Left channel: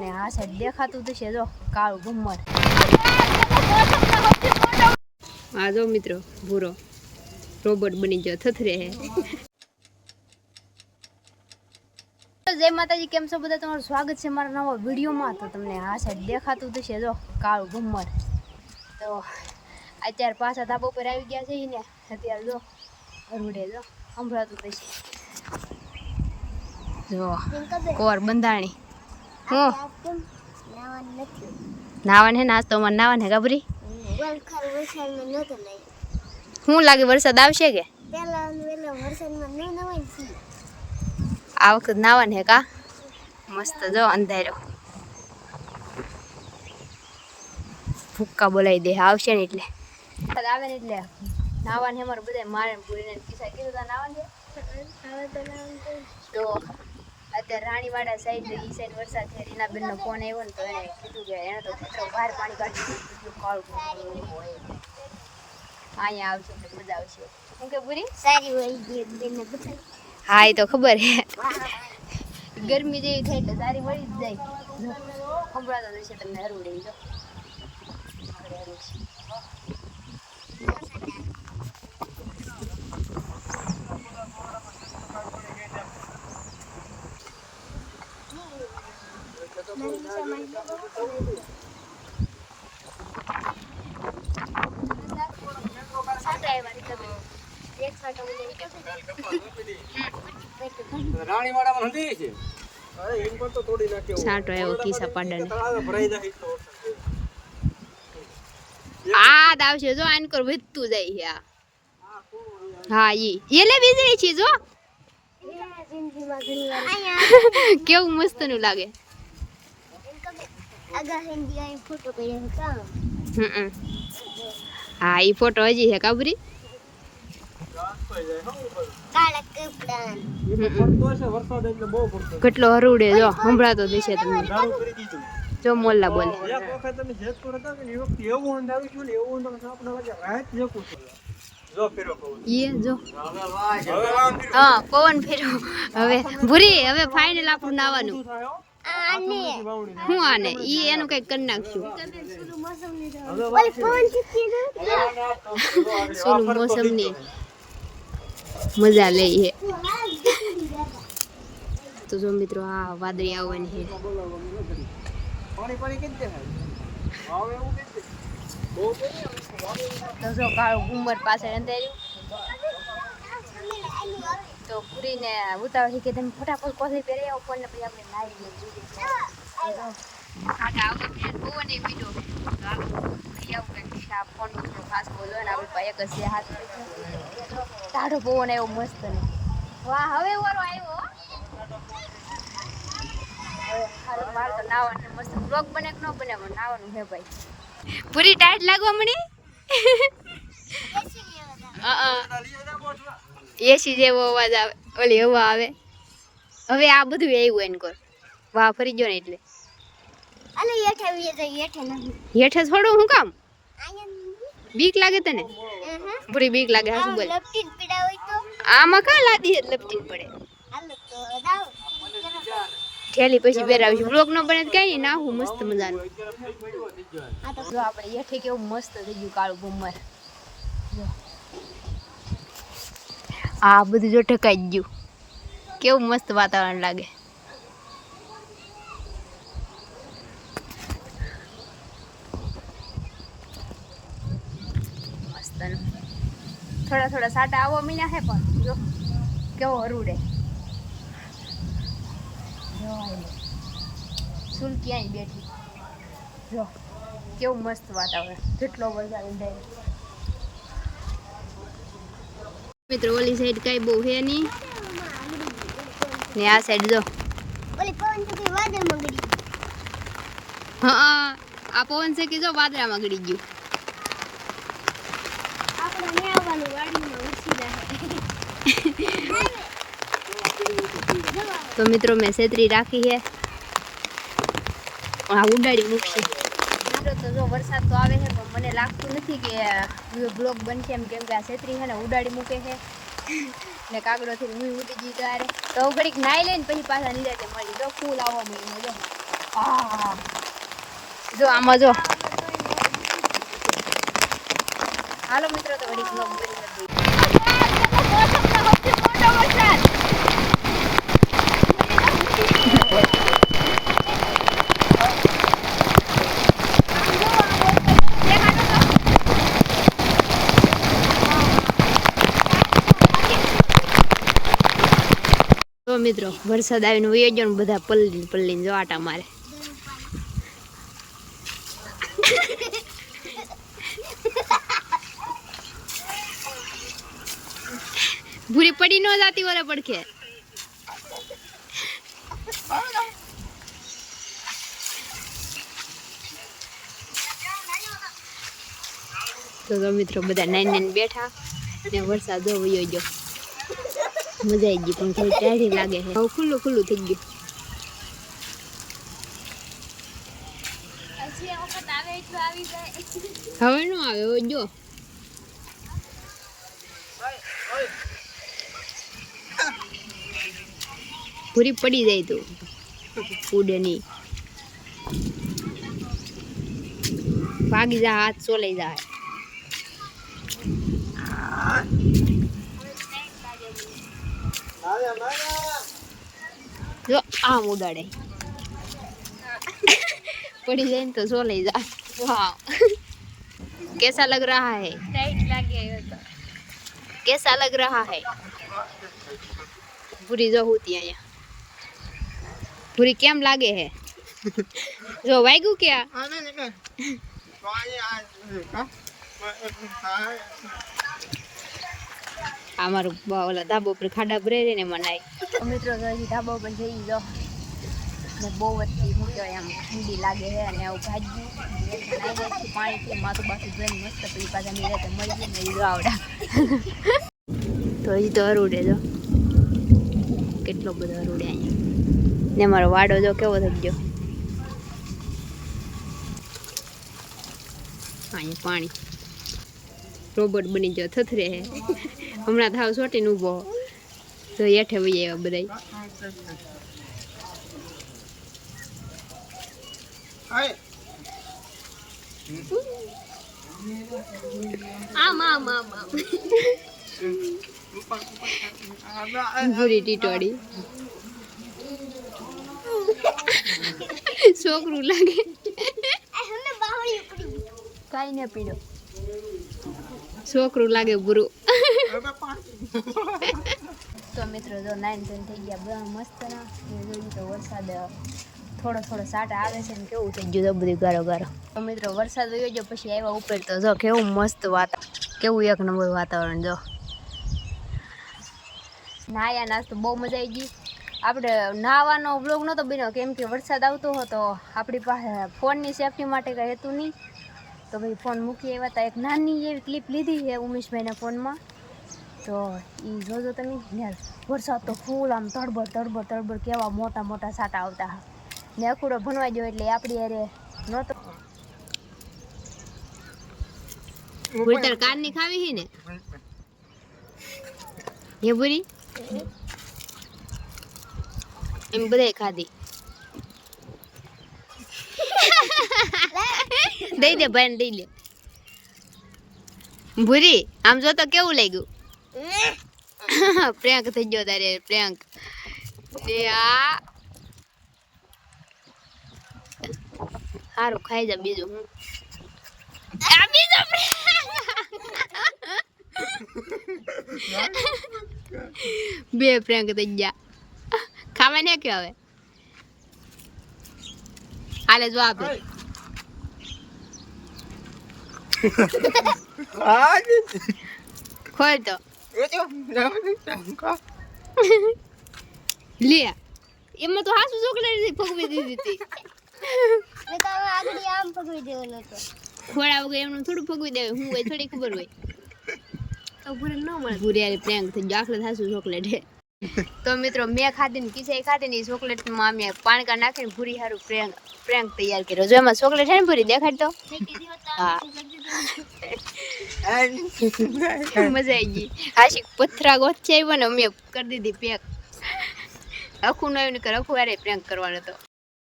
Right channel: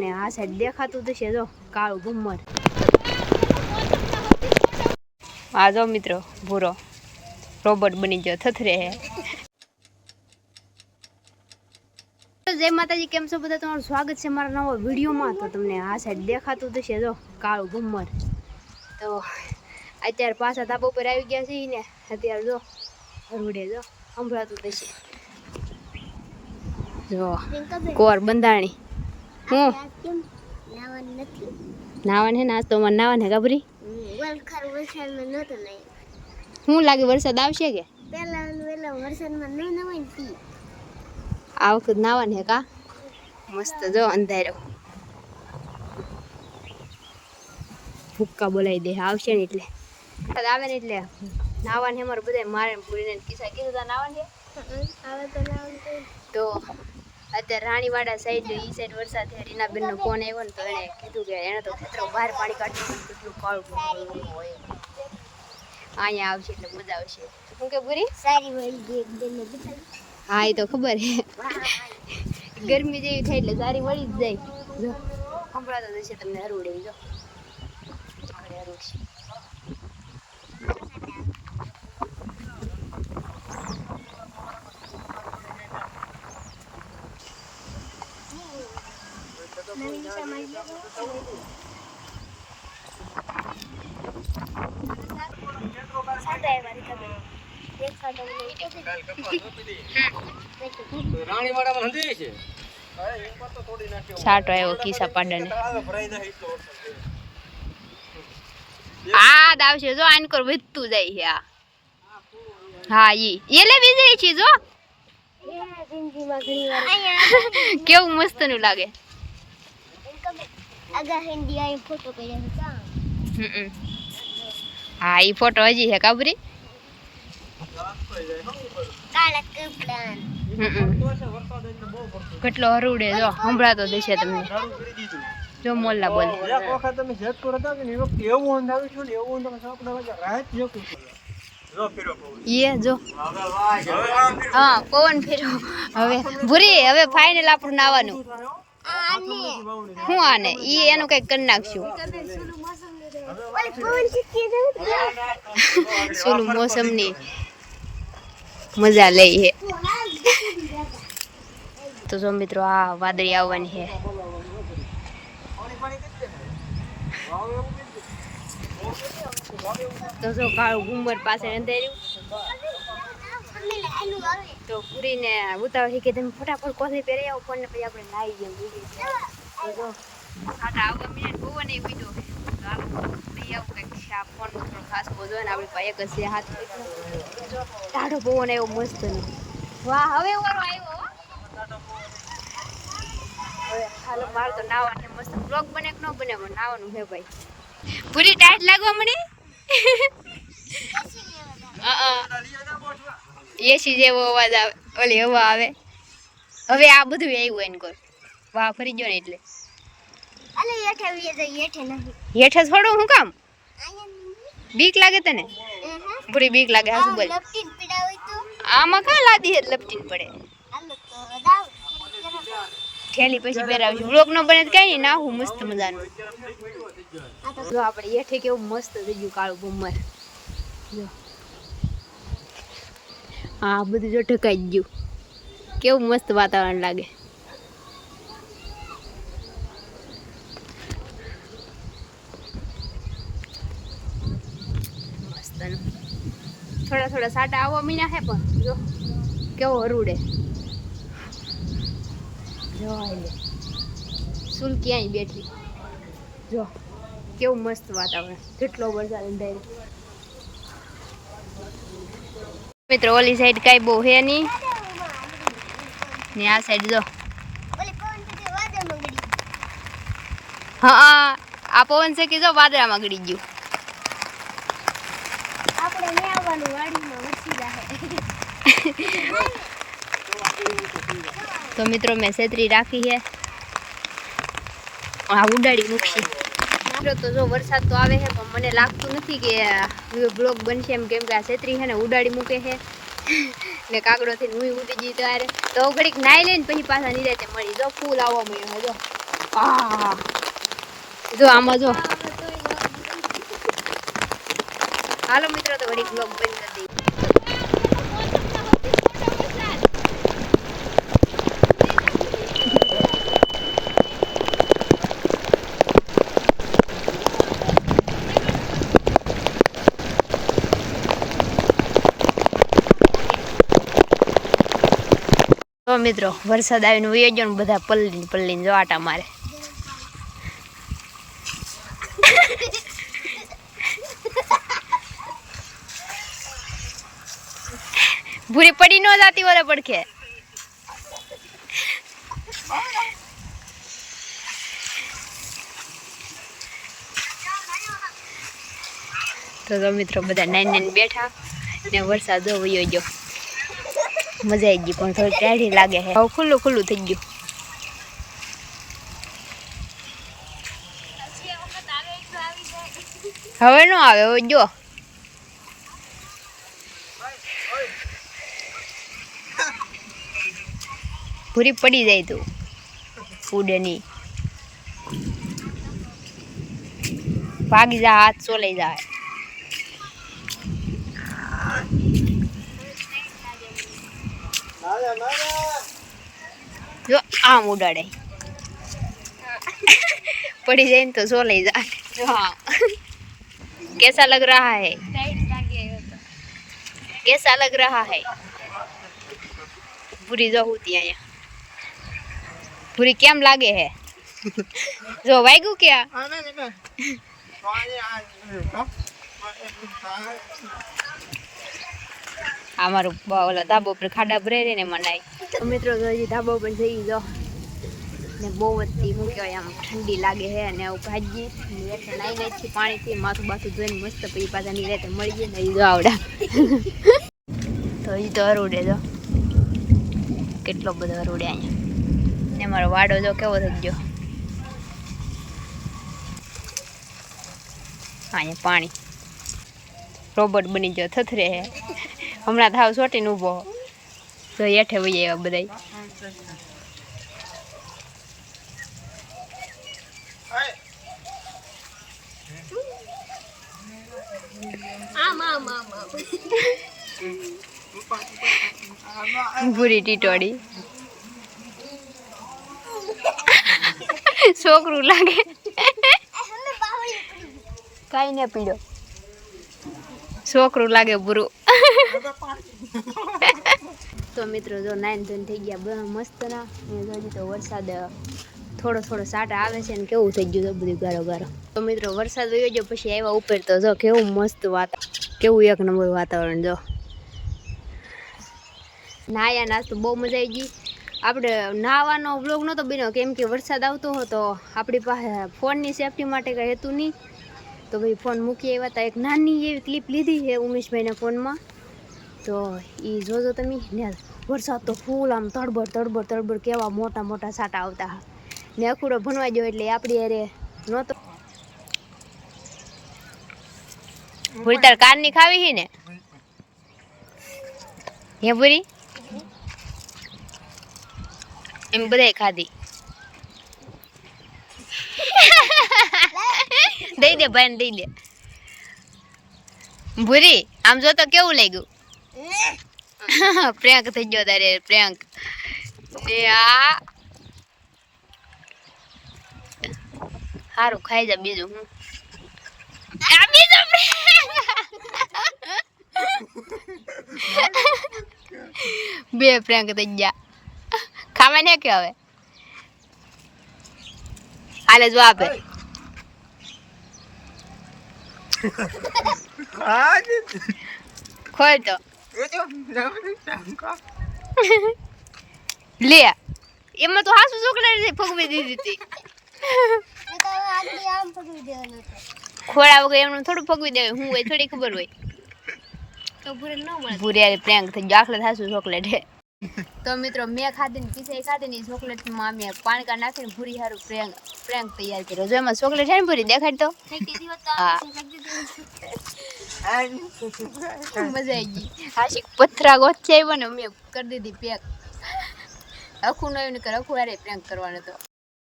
ને આ સાઈડ દેખાતું થશે જો કાળું ભમર. આ જો મિત્રો ભૂરો રોબોટ બની ગયો થથરે હે. જય માતાજી, કેમ છો બધા? તમારું સ્વાગત છે મારા નવા વિડીયોમાં. તો તમને આ સાઈડ દેખાતું થશે જો કાળું ભમર. તો અત્યારે પાછા ધાબા ઉપર આવી ગયા છે ને અત્યારે જો હરુડે જો સંભળાતું થશે જો કોર બંધાણી. હું નાવાન હે ને આજ તો અમારે નાવાન હે ગાભરી. શું લાગે વરસાદ આવશે કે આ વખત નાવાન હે કા? મસ્ત જો અંધારો ભૂક્કા બોલાવી દે આવશે ને એટલે આવે ને એટલે નાવાન હે. અમારે બધા મારે પૂરીને કિસ્સા કીધું નાવાન છે. તો અત્યારે રાણીવાડા સાઈડ ઈ સાઈડ વરસાદ છે. રીનાબેનનો ફોન આવ્યો ને તો એને કીધું કે એને તો ખેતરો બહાર પાણી કાઢી કેટલું કાળું હોય અહીંયા આવશે એટલે મજા આવશે. શું કે પૂરી સારી હોય? હા એ તો ખબર હે. ગરમી જેવી થાય એટલે સારી વળી જ જાય. જો સંભળાતો જશે તમને હરુડે. જો આગળ હરુડ છે. સાટો આવ્યો કિસ્સા પાડાને આ આવશે જો આનકોર વધતું જાય છે. આ હા ઈ એલે વીજળી છે જો કેવું મસ્ત નું લાગે. હા ઈ ફોટો હજી છે કાબરી. કેટલો હરુડે જો સંભળાતો દેશે તમને. જો મોલ્લા બોલે યે જો હા પવન ફેરો. હવે ભૂરી હવે ફાઇનલ આપણું નાવાનું હું આને ઈ એનું કઈક કરી નાખશું. સુલું મોસમની મજા લઈ હે. તો જો મિત્રો આ વાદળી આવવાની છે. તો જો કાળું ઘુમર પાસે અંધાર્યું તો પૂરીને ઉતાવળ કે તમે ફટાફટ કોથળી પહેરી આવો ફોન ને પછી આપણે નાઈ ગયો. જો ખાટા આવવા મેં બહુ નહીં બીજો તો આપણે આવું કંઈક આ ફોન થોડો ખાસ બોલો ને આપણી પાસે એક જ છે હાથ જો ટાઢો પવન આવ્યો મસ્ત નો. વાહ હવે વારો આવ્યો. હવે હાલો મારે તો નાવાનું મસ્ત બ્લોગ બને કે ન બને નાવાનું હે ભાઈ. પૂરી ટાઈટ લાગવા મળી એસી જેવો અવાજ આવે ઓલી હવા આવે. હવે આ બધું આવ્યું એને કોર વાહ ફરી ગયો ને એટલે હેઠે થોડું શું કામ બીક લાગે તને? પૂરી બીક લાગે હા શું બોલ આમાં કાં લાદી હે લપટીને પડે થેલી પછી પહેરાવશું. બ્લોક નો બને કઈ નહીં નાહું મસ્ત મજાનું. જો આપણે હેઠે કેવું મસ્ત થઈ ગયું કાળું ભમર. જો આ બધું જો ઢકાઈ ગયું કેવું મસ્ત વાતાવરણ લાગે. મસ્ત થોડા થોડા સાટા આવવા મીના હે પણ જો કેવો હરુડે. જો આલે સુલ ક્યાંય બેઠી જો કેવું મસ્ત વાતાવરણ. કેટલો વરસાદ અંધારે મિત્રો. ઓલી સાઈડ કાંઈ બહુ હે નહીં ને આ સાઈડ જો હા આ પવન છે કે જો વાદળામાં ગળી ગયું. તો મિત્રો મેં છેતરી રાખી છે આ ઉડાડી મૂકશે. તો જો વરસાદ તો આવે છે પણ મને લાગતું નથી કે બ્લોગ બનશે એમ, કેમ કે આ છેતરી છે ને ઉડાડી મૂકે છે ને કાગડોથી હું ઉડી ગઈ ત્યારે તો ઘડીક નાઈ લઈને પછી પાછા નિરાતે મળી. જો ફૂલ આવવા મળ્યું જો જો આમાં જો હાલો મિત્રો તો વળી બ્લોગ બંધ કરી દઈએ. તો મિત્રો વરસાદ આવીને વયો ગયો ને બધા પલ્લીને જો આટા મારે. ભૂરી પડી ન જાતી ઓરે પડખે. તો મિત્રો બધા નાઈને બેઠા ને વરસાદ જો વયો ગયો. મજા આવી ગઈ પણ થોડી ટાઢી લાગે છે. હવે ખુલ્લું ખુલ્લું થઈ ગયું. હવે નો આવે હવે જો પૂરી પડી જાય તું ઉડે નહીં. ભાગી જા હાથ સોલાઈ જાય. जो आम उड़ाड़े पड़ी जाए तो सो ले जाए. हाँ कैसा लग रहा है? टाइट लगे तो कैसा लग रहा है? पूरी जो होती है यहाँ पूरी केम लागे है? जो वाइगू क्या અમારું ઓલા ધાબા ઉપર ખાડા ભરે ને મનાય. તો મિત્રો હજી ધાબા ઉપર જઈ જો ને બહુ વધતી શું કહેવાય આમ ઠંડી લાગે છે અને આવું ભાજી હેઠે નાઈ નાઈ પાણીથી માથું બાથું ધોઈને મસ્ત પછી પાછા ની રાતે મળી જાય ને જો આવડા. તો હજી તો હરુડે જો કેટલો બધો હરુડે અહીંયા ને મારો વાડો જો કેવો થઈ ગયો. અહીંયા પાણી રોબોટ બની ગયો થથરે હે. હમણાં થાવ સોટીને ઊભો તો હેઠે વહી આવ્યા બધા. ભૂરી ટીટોડી છોકરું લાગે કઈ ને પીડો છોકરું લાગે બુરું. તો મિત્રો જો 9 થઈ ગયા મસ્ત ના હજી તો વરસાદ થોડો થોડો સાટા આવે છે ને કેવું થઈ ગયું બધું ગારો ગારો. તો મિત્રો વરસાદ વયો ગયો પછી આવ્યા ઉપર તો જો કેવું મસ્ત કેવું એક નંબર વાતાવરણ. જો નાયા નાસ્તો બહુ મજા આવી ગઈ. આપણે નાવાનો વ્લોગ નહોતો બન્યો કેમ કે વરસાદ આવતો હતો. આપણી પાસે ફોનની સેફટી માટે કંઈ હતું નહીં તો ભાઈ ફોન મૂકી આવ્યા હતા. એક નાની એવી ક્લિપ લીધી છે ઉમેશભાઈના ફોનમાં તો એ જોજો તમે ને. વરસાદ તો ફૂલ આમ તડબડ તડબડ તડબડ કેવા મોટા મોટા સાટા આવતા ને અખૂડો ભણવા ગયો એટલે આપણી અરે નહોતો. ભૂરી તાર કારની ખાવી છે ને હે ભૂરી? એમ બધાય ખાધી. દઈ દે ભાઈ દઈ દે. ભૂરી આમ જો તો કેવું લાગ્યું? પ્રેન્ક થઈ ગયો તારે પ્રેન્ક. ને આ સારું ખાઈ જા બીજું હું આ બીજો બે પ્રેન્ક થઈ ગયા. ખાવા ને કે હવે હાલે જો આપે ખોલ તો લે એમાં તો હાસુ ચોકલેટ ફગવી દીધી હતી. ખોડા વગર એમનું થોડું ફગવી દેવાય. હું હોય થોડી ખબર હોય તો ભૂરી પ્રેન્ક થઈ ગયો. આખલે હાસુ ચોકલેટ હે. તો મિત્રો મેં ખાધી ને કિસે ખાધી ને ચોકલેટમાં અમે પાણકા નાખીને ભૂરી સારું પ્રેન્ક તૈયાર કર્યો. જો એમાં ચોકલેટ છે ને ભૂરી દેખાડ તો. હા મજા આવી ગઈ. હાશી પથરા ગોથ છે ને અમે કરી દીધી પેક. અખું ન આવ્યું ને અખું યારે પ્રેન્ક કરવાનો હતો.